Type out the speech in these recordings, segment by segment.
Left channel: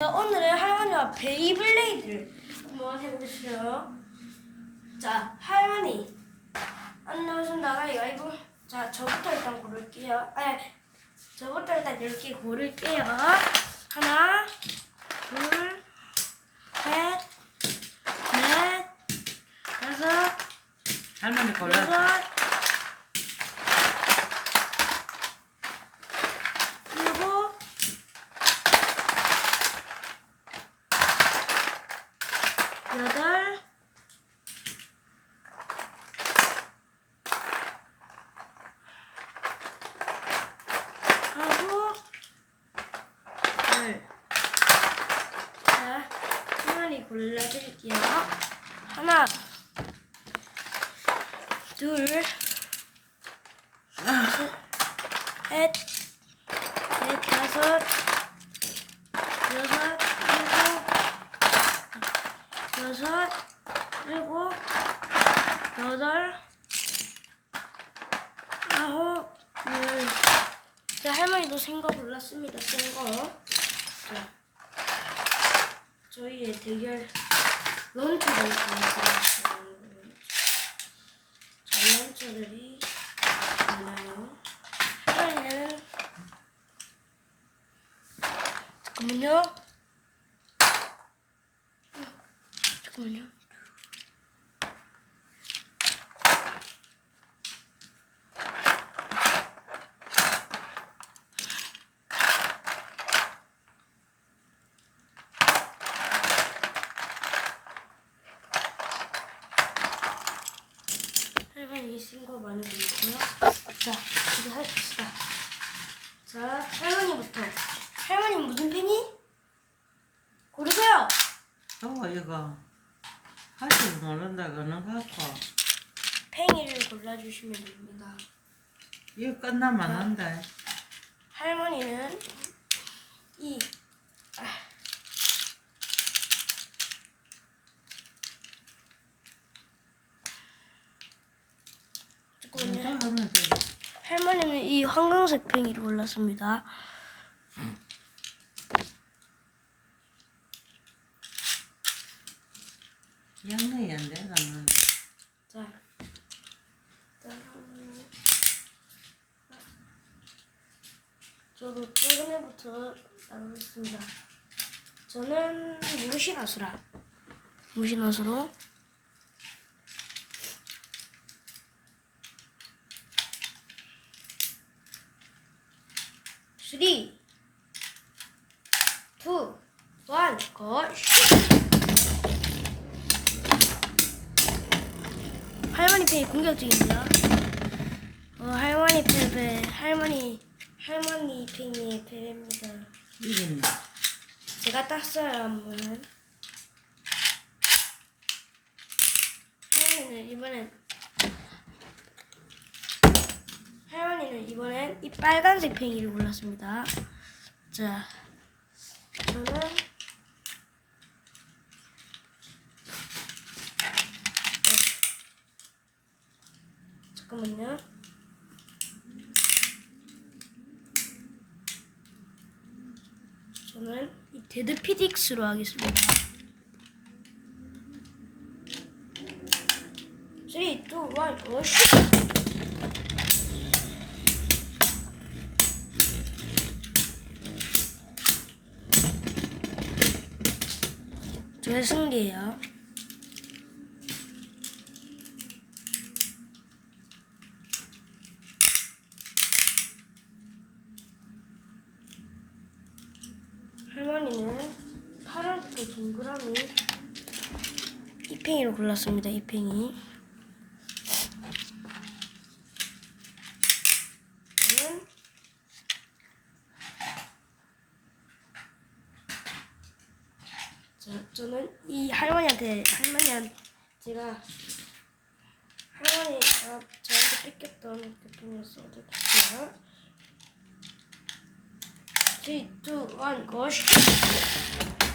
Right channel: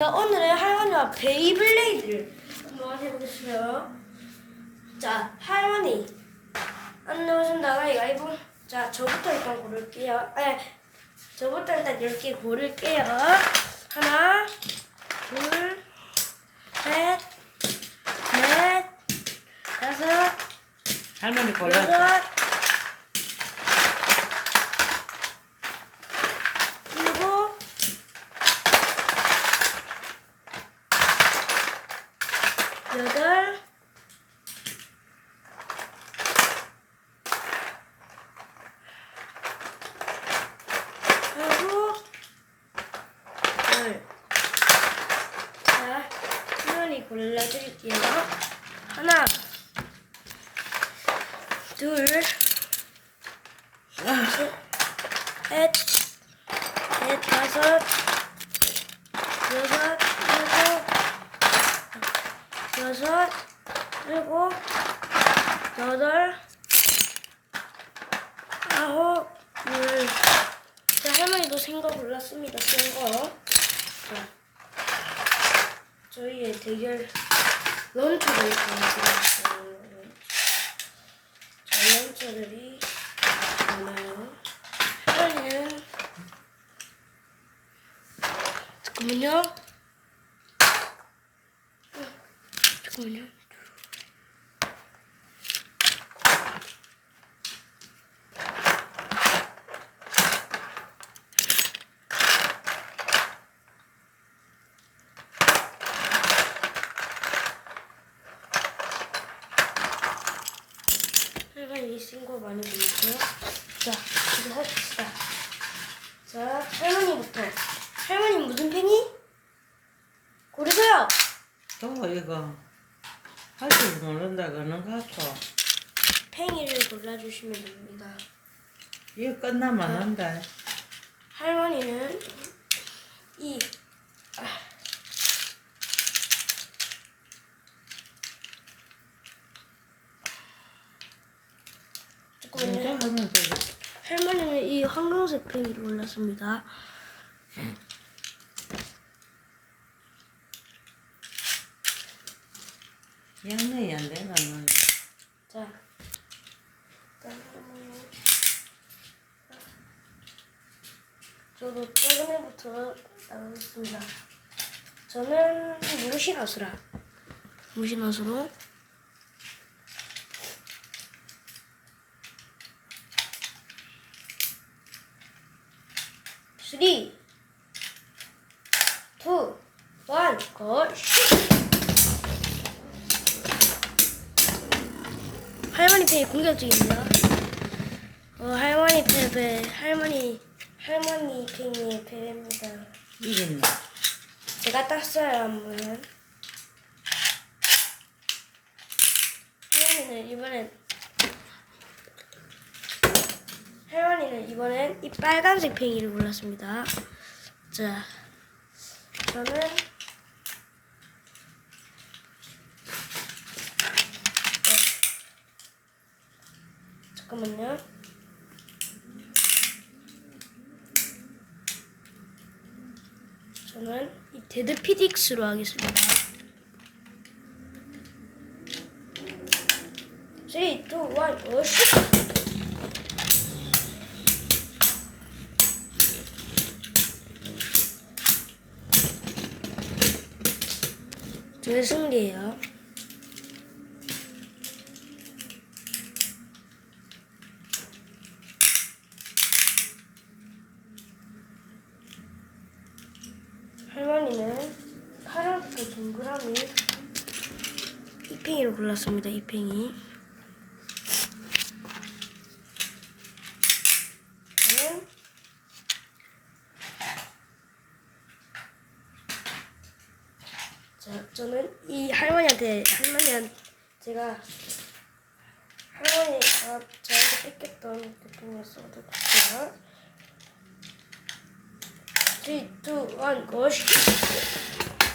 자, 오늘은 할머니와 베이블레이드를 한번 해보겠어요. 자, 할머니. 안 나오신다. 가위바위보. 자, 저부터 일단 고를게요. 에, 저부터 일단 10개 고를게요. 하나, 둘, 셋, 넷, 다섯, 할머니. 여덟, 일곱, 여덟, 아홉, 열. 자, 골라드릴게요. 하나, 둘, 셋, 넷, 넷, 다섯, 여섯, 일곱, 여섯, 일곱, 여덟, 아홉, 열. 자, 할머니도 생거 골랐습니다. 센 거. 자, 저희의 대결 런처가 있습니다. 자, 런처들이 많아요. 할머니는 잠깐만요. 어, 잠깐만요. 할머니 신고 많이 보이죠? 자, 이제 합시다. 자, 할머니부터. 할머니 무슨 팽이? 고르세요. 또 이거 할 줄 모른다 그는 갖고 팽이를 골라주시면 됩니다. 이거 끝나면 한다. 할머니는 이 혼자 잠깐만요. 하면 돼. 할머니는 이 황금색 팽이를 골랐습니다. 양내 안 되면 자, 저도 최근에부터 나누겠습니다. 저는 무신하수라. 무신하수로 쓰리, 투, 원, 고, 슛! 할머니 페이 공격 중입니다. 어, 할머니 패배, 할머니, 할머니 팽이 패배입니다. 이긴 제가 땄어요, 한번. 할머니는 이번엔, 할머니는 이번엔 이 빨간색 팽이를 골랐습니다. 자, 저는 잠깐만요. 저는 이 데드 피딕스로 하겠습니다. 3, 2, 1, 오, 슛! 저의 승리예요. 할머니는 파란색 동그라미 이팽이를 골랐습니다. 이팽이. 저는 자, 저는 이 할머니한테 할머니한 제가 할머니가 저한테 뺏겼던 교통을 써볼게요. 3, 2, 1, 고시!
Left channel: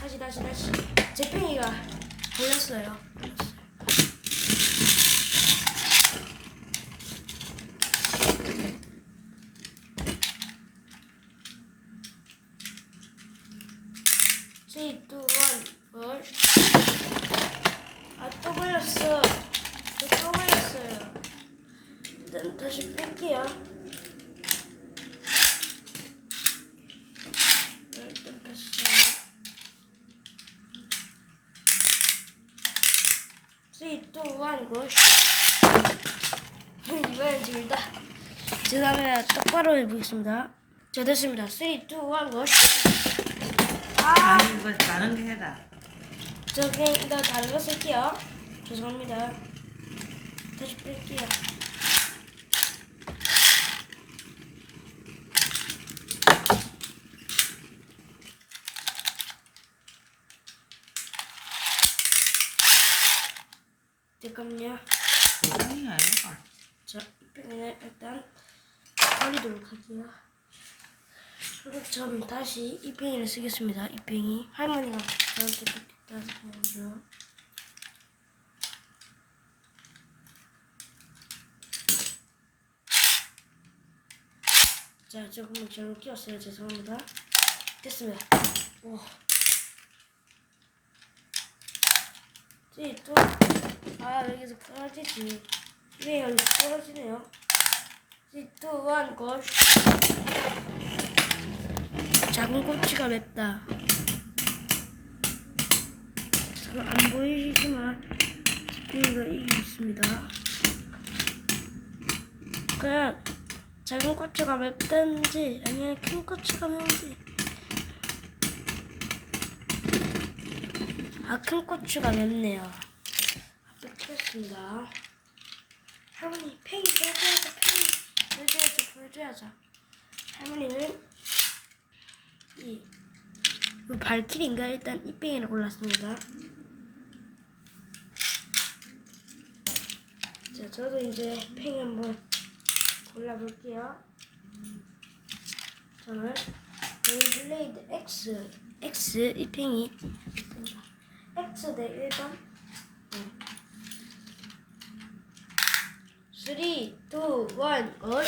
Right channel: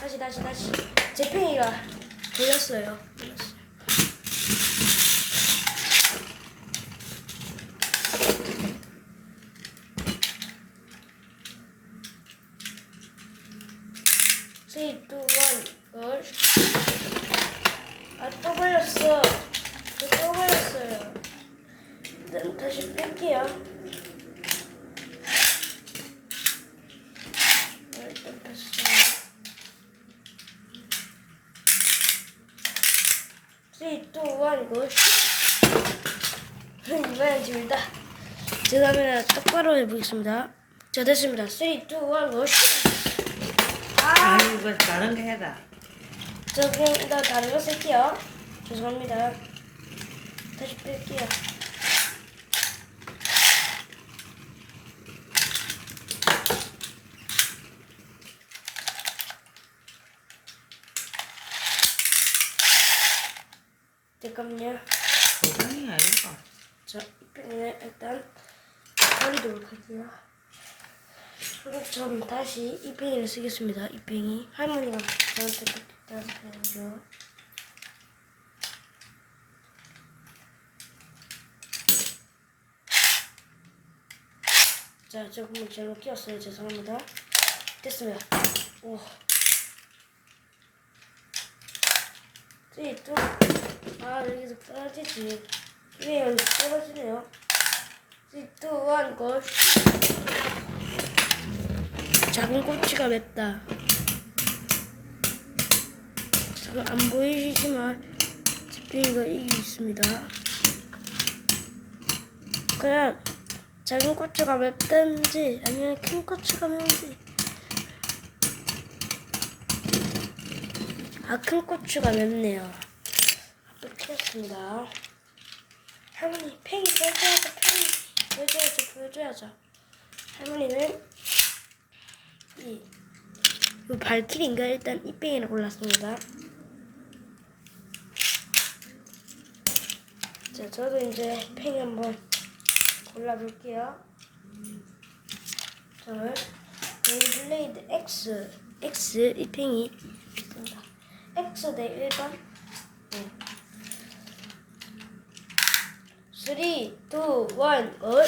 다시 다시 다시 제 팽이가 돌렸어요. 쓰리, 3, 2, 1, 걸. 아, 또 걸렸어. 또, 또 걸렸어요. 일단 다시 뺄게요. 네, 일단 뺐어요. 3, 2, 1, 걸. 이번엔 둘다 똑바로 해보겠습니다. 자, 됐습니다. 3, 2, 1, 걸. 아! 아니 이거 다른 게 해라. 저 그냥 이거 다른 거 쓸게요. 죄송합니다. 다시 뺄게요. 잠깐만요. 고강이 아니고. 자, 이 펜을 일단 버리도록 할게요. 저는 다시 이 펜을 쓰겠습니다. 이 펜이 할머니가 저한테 펜이죠. 자, 조금 잘못 끼웠어요. 죄송합니다. 됐습니다. 오. 또, 아, 여기서 떨어지지. 이게 여기 떨어지네요. 또한 것. 작은 꼬치가 맵다. 지금 안 보이시지만 이거 있습니다. 그냥 작은 꼬치가 맵든지 아니면 큰 꼬치가 맵든지 아큰 꼬치가 맵네요. 이렇게 했습니다. 할머니 팽이 보여줘야죠 팽이 보여줘야죠 보여줘야죠. 할머니는 이, 이 발키리인가? 일단 이 팽이를 골랐습니다. 자 저도 이제 팽이 한번 골라볼게요. 저는 베이블레이드 X X 이 팽이. 있습니다 X 대 1번? 네. 3, 2, 1, 올.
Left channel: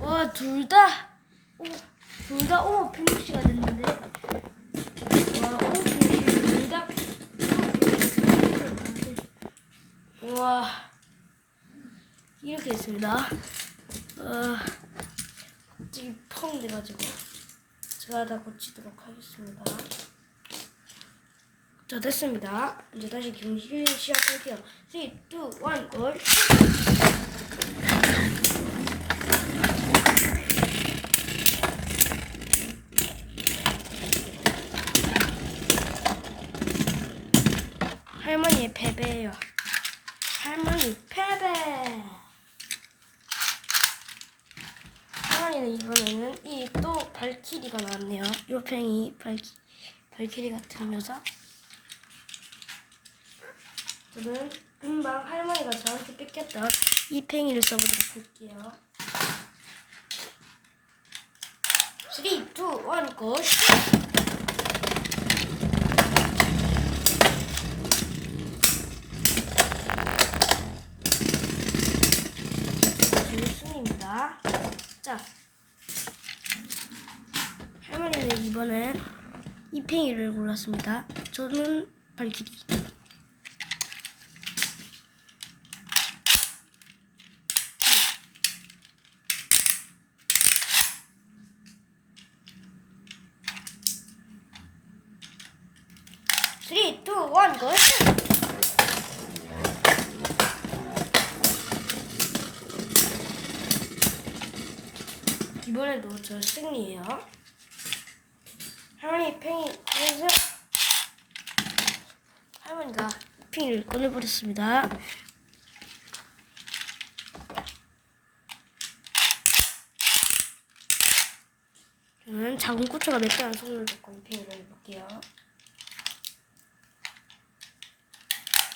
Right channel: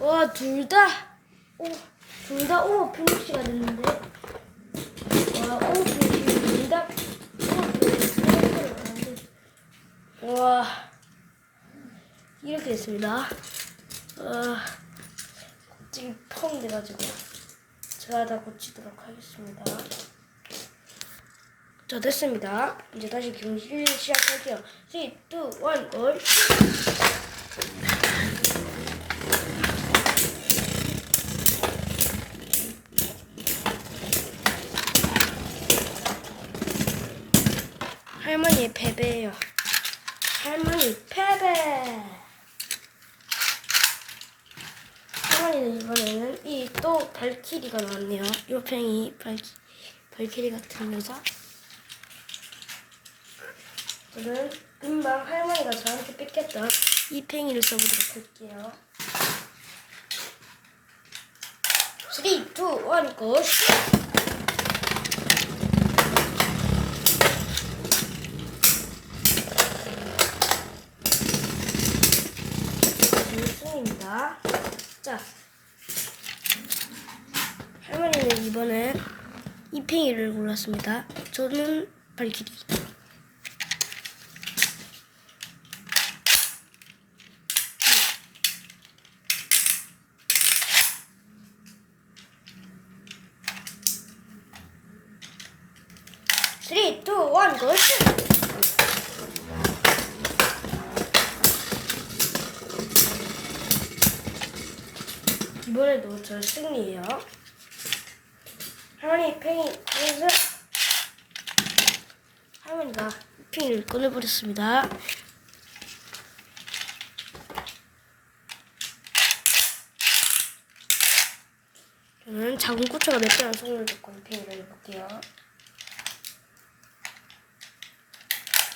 와, 둘 다, 오, 둘 다, 오, 피니시가 됐는데. 와, 오, 피니시, 둘 다, 와, 이렇게 됐습니다. 어, 갑자기 펑 돼가지고. 제가 다 고치도록 하겠습니다. 자, 됐습니다. 이제 다시 경기를 시작할게요. 3, 2, 1, 올. 할머니의 패배예요. 할머니 패배. 할머니는 이번에는 이 또 발키리가 나왔네요. 요 팽이 발키, 발키리 같은 여자. 저는 금방 할머니가 저한테 뺏겼던 이 팽이를 써보도록 할게요. 3, 2, 1, 고! 재밌습니다. 자, 할머니는 이번에 이 팽이를 골랐습니다. 저는 원, 고! 이번에도 저 승리예요. 할머니 팽이 보여주세요. 할머니가 팽이를 꺼내버렸습니다. 저는 작은 고추가 맵다는 소리를 듣고 팽이를 해볼게요.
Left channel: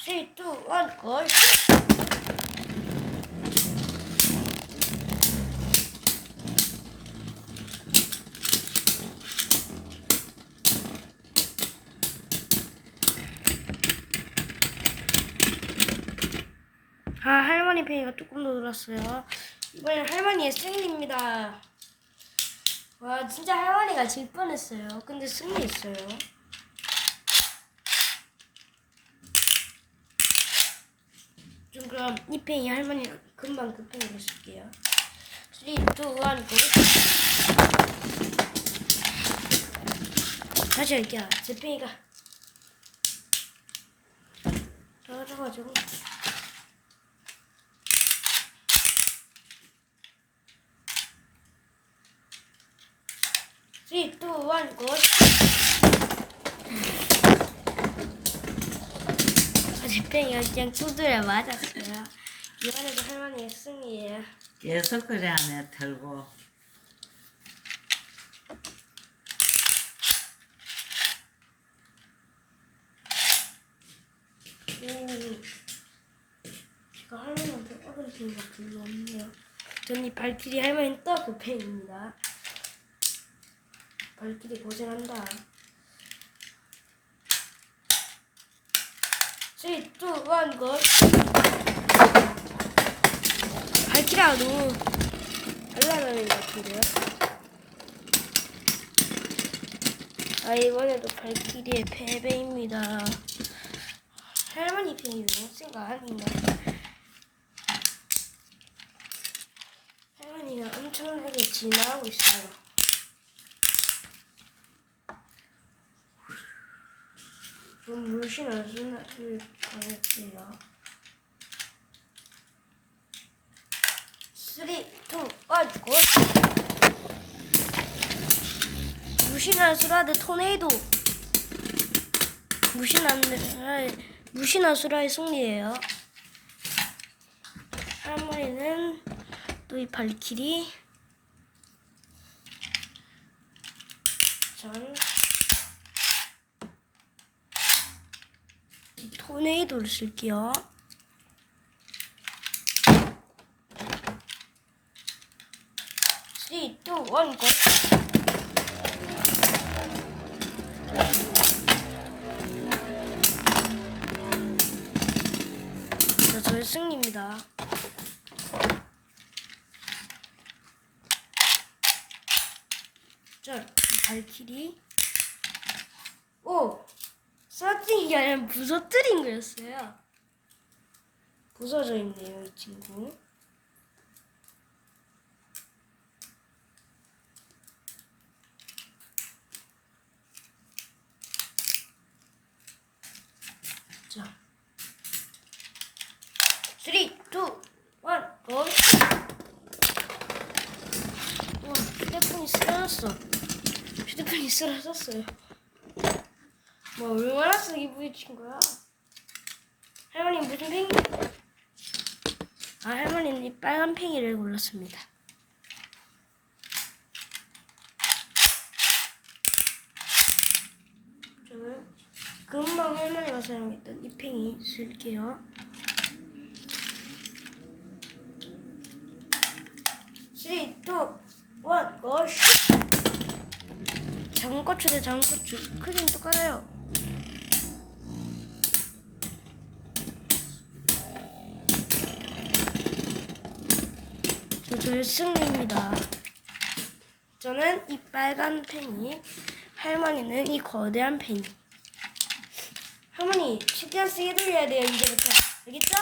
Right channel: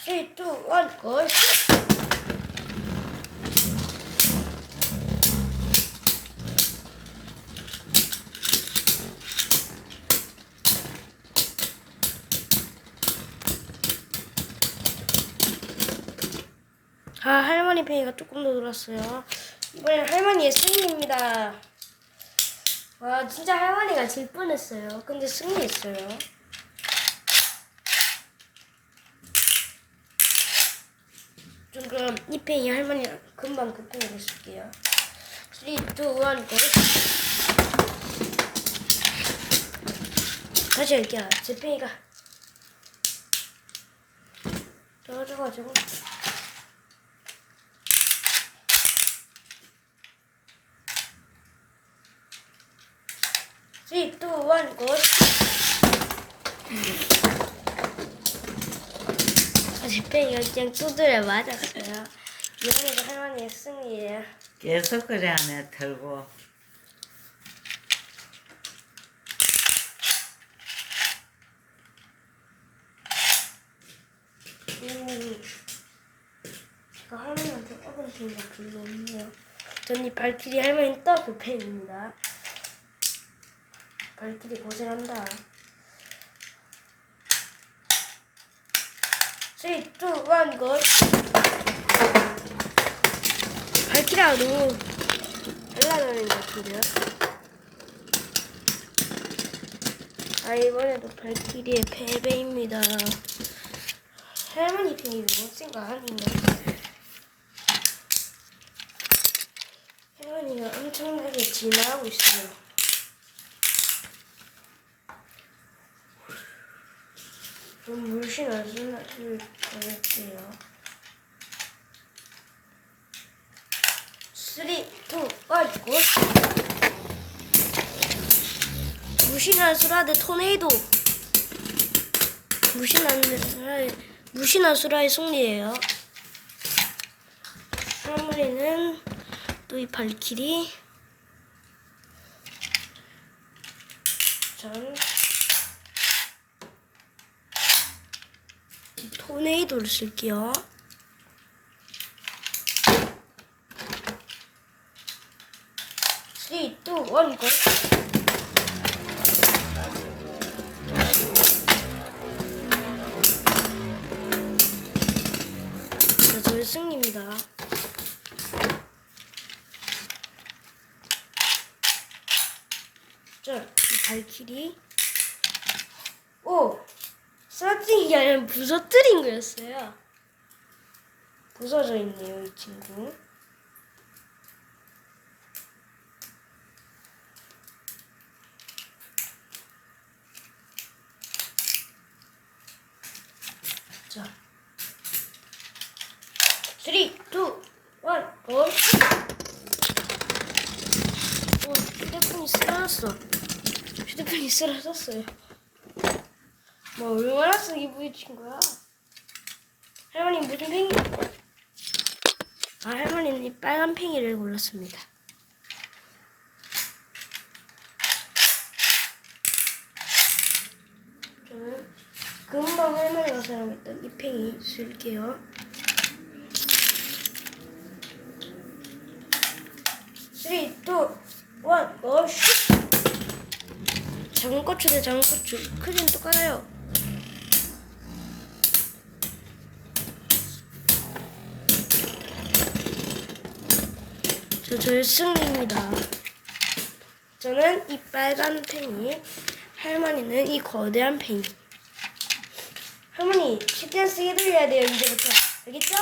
3, 2, 1, 고! 아, 할머니 팽이가 조금 더 늘었어요. 이번엔 할머니의 승리입니다. 와 진짜 할머니가 질 뻔했어요. 근데 승리했어요. 좀 그럼 이 팽이 할머니 금방 그 팽이를 쓸게요. 3, 2, 1, 고! 다시 할게요. 제 팽이가 떨어져가지고 Three, two, one, go. 제팽이 그냥 두드려 맞았어요. 이번에도 할머니의 승리예요. 계속 그래 안에 털고. 음, 제가 할머니한테 떡은 팽이가 불렸네요. 전이 발길이 할머니 떡그 팽입니다. 발길이 고생한다. 3, 2, 1, go. 발길이가 너무 날라다니는 것 같은데요? 아, 이번에도 발길이의 패배입니다. 할머니 팽이 너무 센거 아닌가? 할머니가 엄청나게 진화하고 있어요. 좀 물씬 어지러질 거예요. 3, 2, 1, 고! 무신한 수라드 토네이도! 무신한 수라의, 무신한 수라의 승리예요. 할머니는 또 이 발길이 전 이 쓸게요. 쓰러뜨리기 아니라 부서뜨린 거였어요. 부서져 있네요, 이 친구. 자. 3, 2, 1, 고! 오, 휴대폰이 쓰러졌어. 휴대폰이 쓰러졌어요. 뭐 얼마나 쓰기 부딪힌 거야? 할머니 무슨 팽이? 아 할머니는 이 빨간 팽이를 골랐습니다. 금방 할머니가 사용했던 이 팽이 쓸게요. 쓰리, 투, 원, 고! 슛! 작은 고추래 작은 고추 크기는 똑같아요 저 저의 승리입니다 저는 이 빨간 팽이 할머니는 이 거대한 팽이 할머니 신경 쓰게 들려야 돼요 이제부터 알겠죠?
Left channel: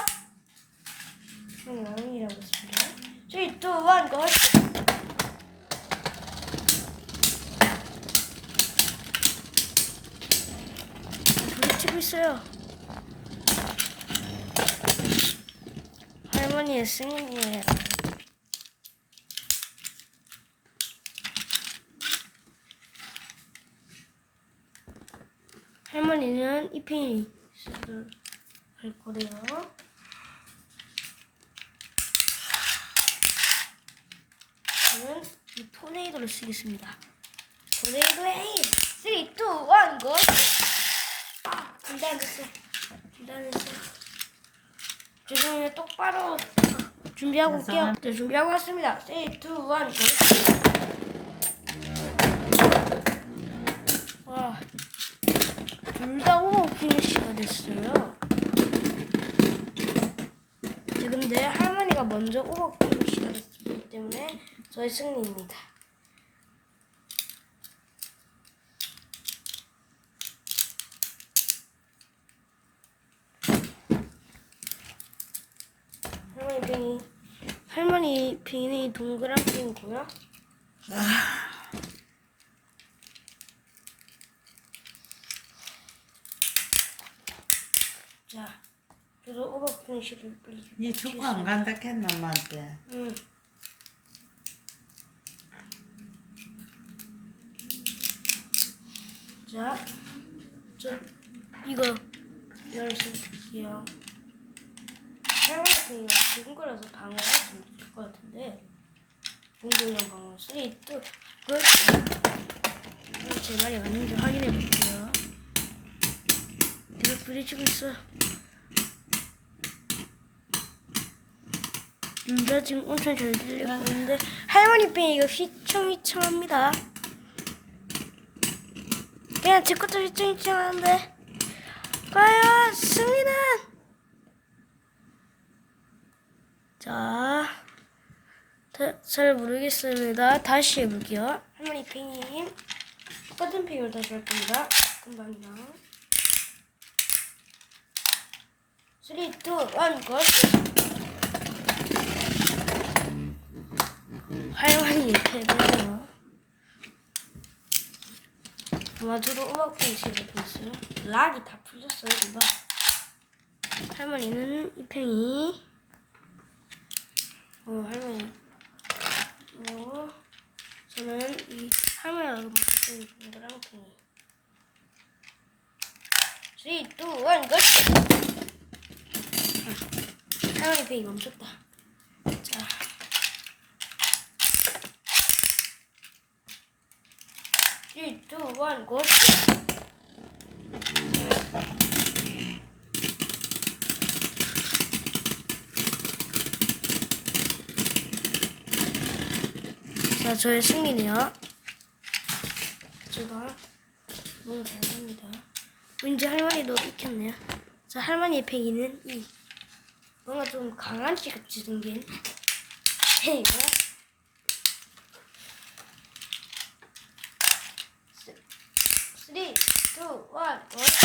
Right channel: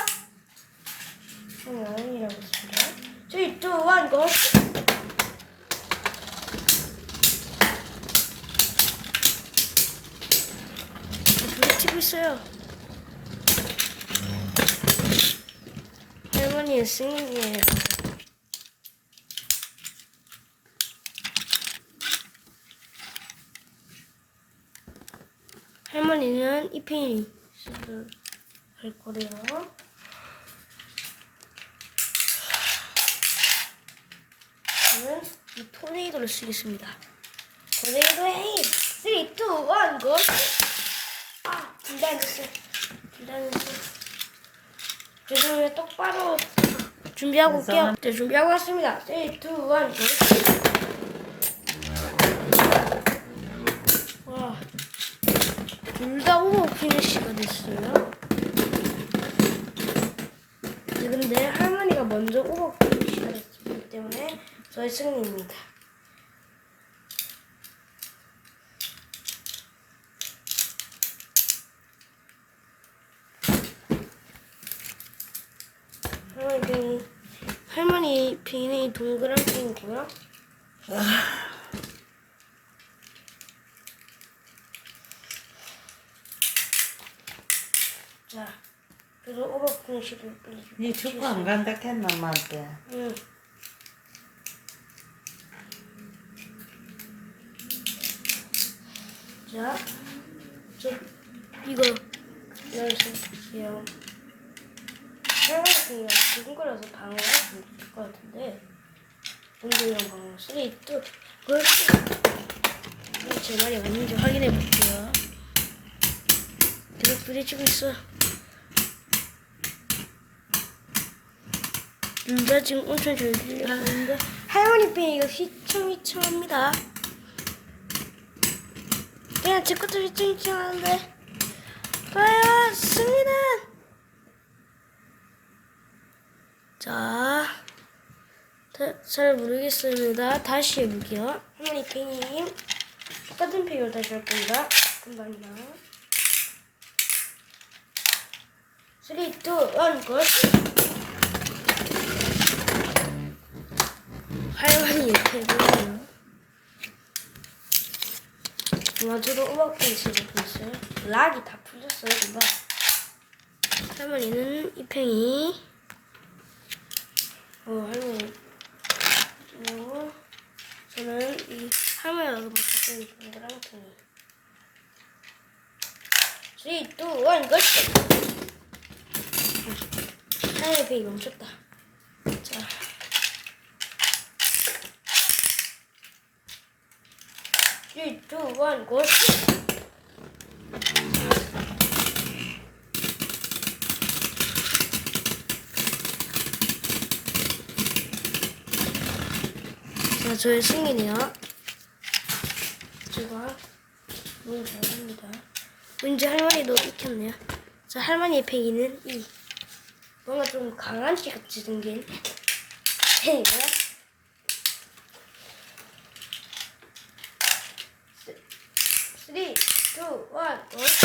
저는 어머니라고 했습니다 3, 2, 1, 고! 저기 치고 있어요. 할머니의 승리예요. 이 펜이 할 거래요. 저는 이 토네이도를 쓰겠습니다. 토네이도의 힘! 3, 2, 1, 고! 아, 긴장했어. 긴장했어. 죄송해요. 똑바로 준비하고 올게요. 네, 준비하고 왔습니다. 3, 2, 1, 고! 와, 둘다 호흡 피니시가 됐어요. 네, 근데 할머니 먼저 오버풀을 시작했기 때문에 저의 승리입니다. 할머니 팽이 할머니 팽이 동그란 팽이고요. 자, 그래서 시를 빨리. 니 축구 안 간다 했나 엄마한테 응. 자, 저 이거 열어주세요. 할머니가 거라서 방어가 안될것 같은데 운동량 방어 3, 2, 1제 말이 맞는지 확인해 볼게요. 되게 부딪히고 있어. 진짜 지금 엄청 잘 들렸는데 할머니 빈 이거 휘청휘청합니다. 그냥 제 것도 휘청휘청하는데 과연 승리는 자, 다, 잘 모르겠습니다. 다시 해볼게요. 할머니 pen인 똑같은 펜으로 다시 할 겁니다. 잠깐만요. 3, 2, 1, 고! 할머니 대단해요. 와주로 음악도 있어지고 있어요. 락이 다 풀렸어요, 금방. 할머니는 이 팽이. 어, 할머니. 그리고 저는 이 할머니가 먹었던 동그란 팽이. 3, 2, 1, 고! 할머니 팽이 멈췄다. 자. Three, two, one. 자, 저의 승리네요. 제가 너무 잘합니다. 왠지 할머니도 익혔네요. 자, 할머니의 팽이는 이 뭔가 좀 강한 티 같이 생긴 팽이고요. Three, go.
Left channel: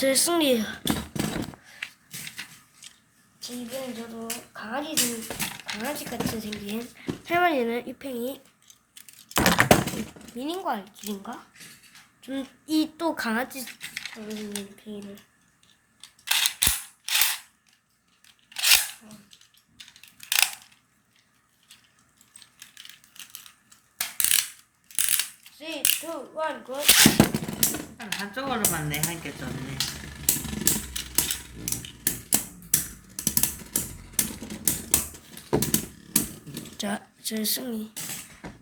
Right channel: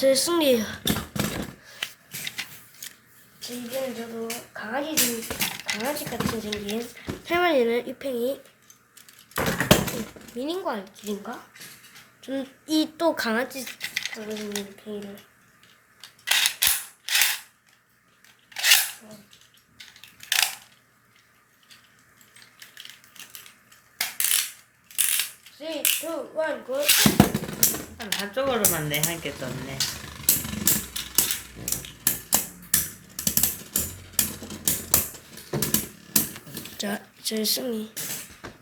제 승리예요. 이제는 저도 강아지 좀 강아지 같이 생긴 할머니는 이 팽이 미닌과 알인가 좀 이 또 강아지 생긴 팽이를 Three, two, one, go. 한쪽으로만 내한개 떴네 자, 제 승리.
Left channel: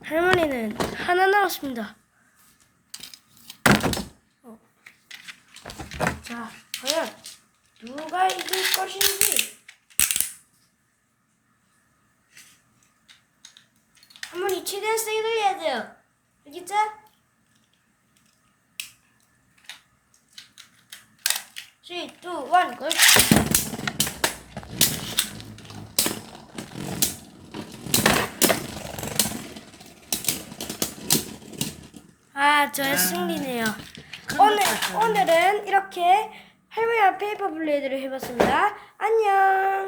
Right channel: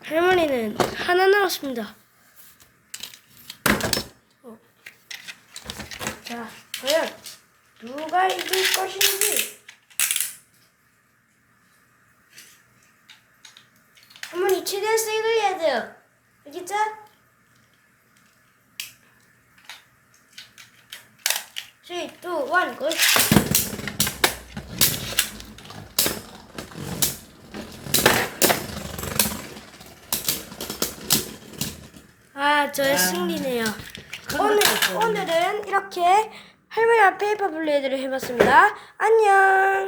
할머니는 하나 남았습니다. 자, 과연 누가 이길 것인지. 할머니 최대한 세게 해야 돼요. 알겠죠? Three, two, one, go. 아, 저의 승리네요. 오늘, 오늘은 이렇게 할머니 앞 페이퍼 블레이드를 해봤습니다. 안녕!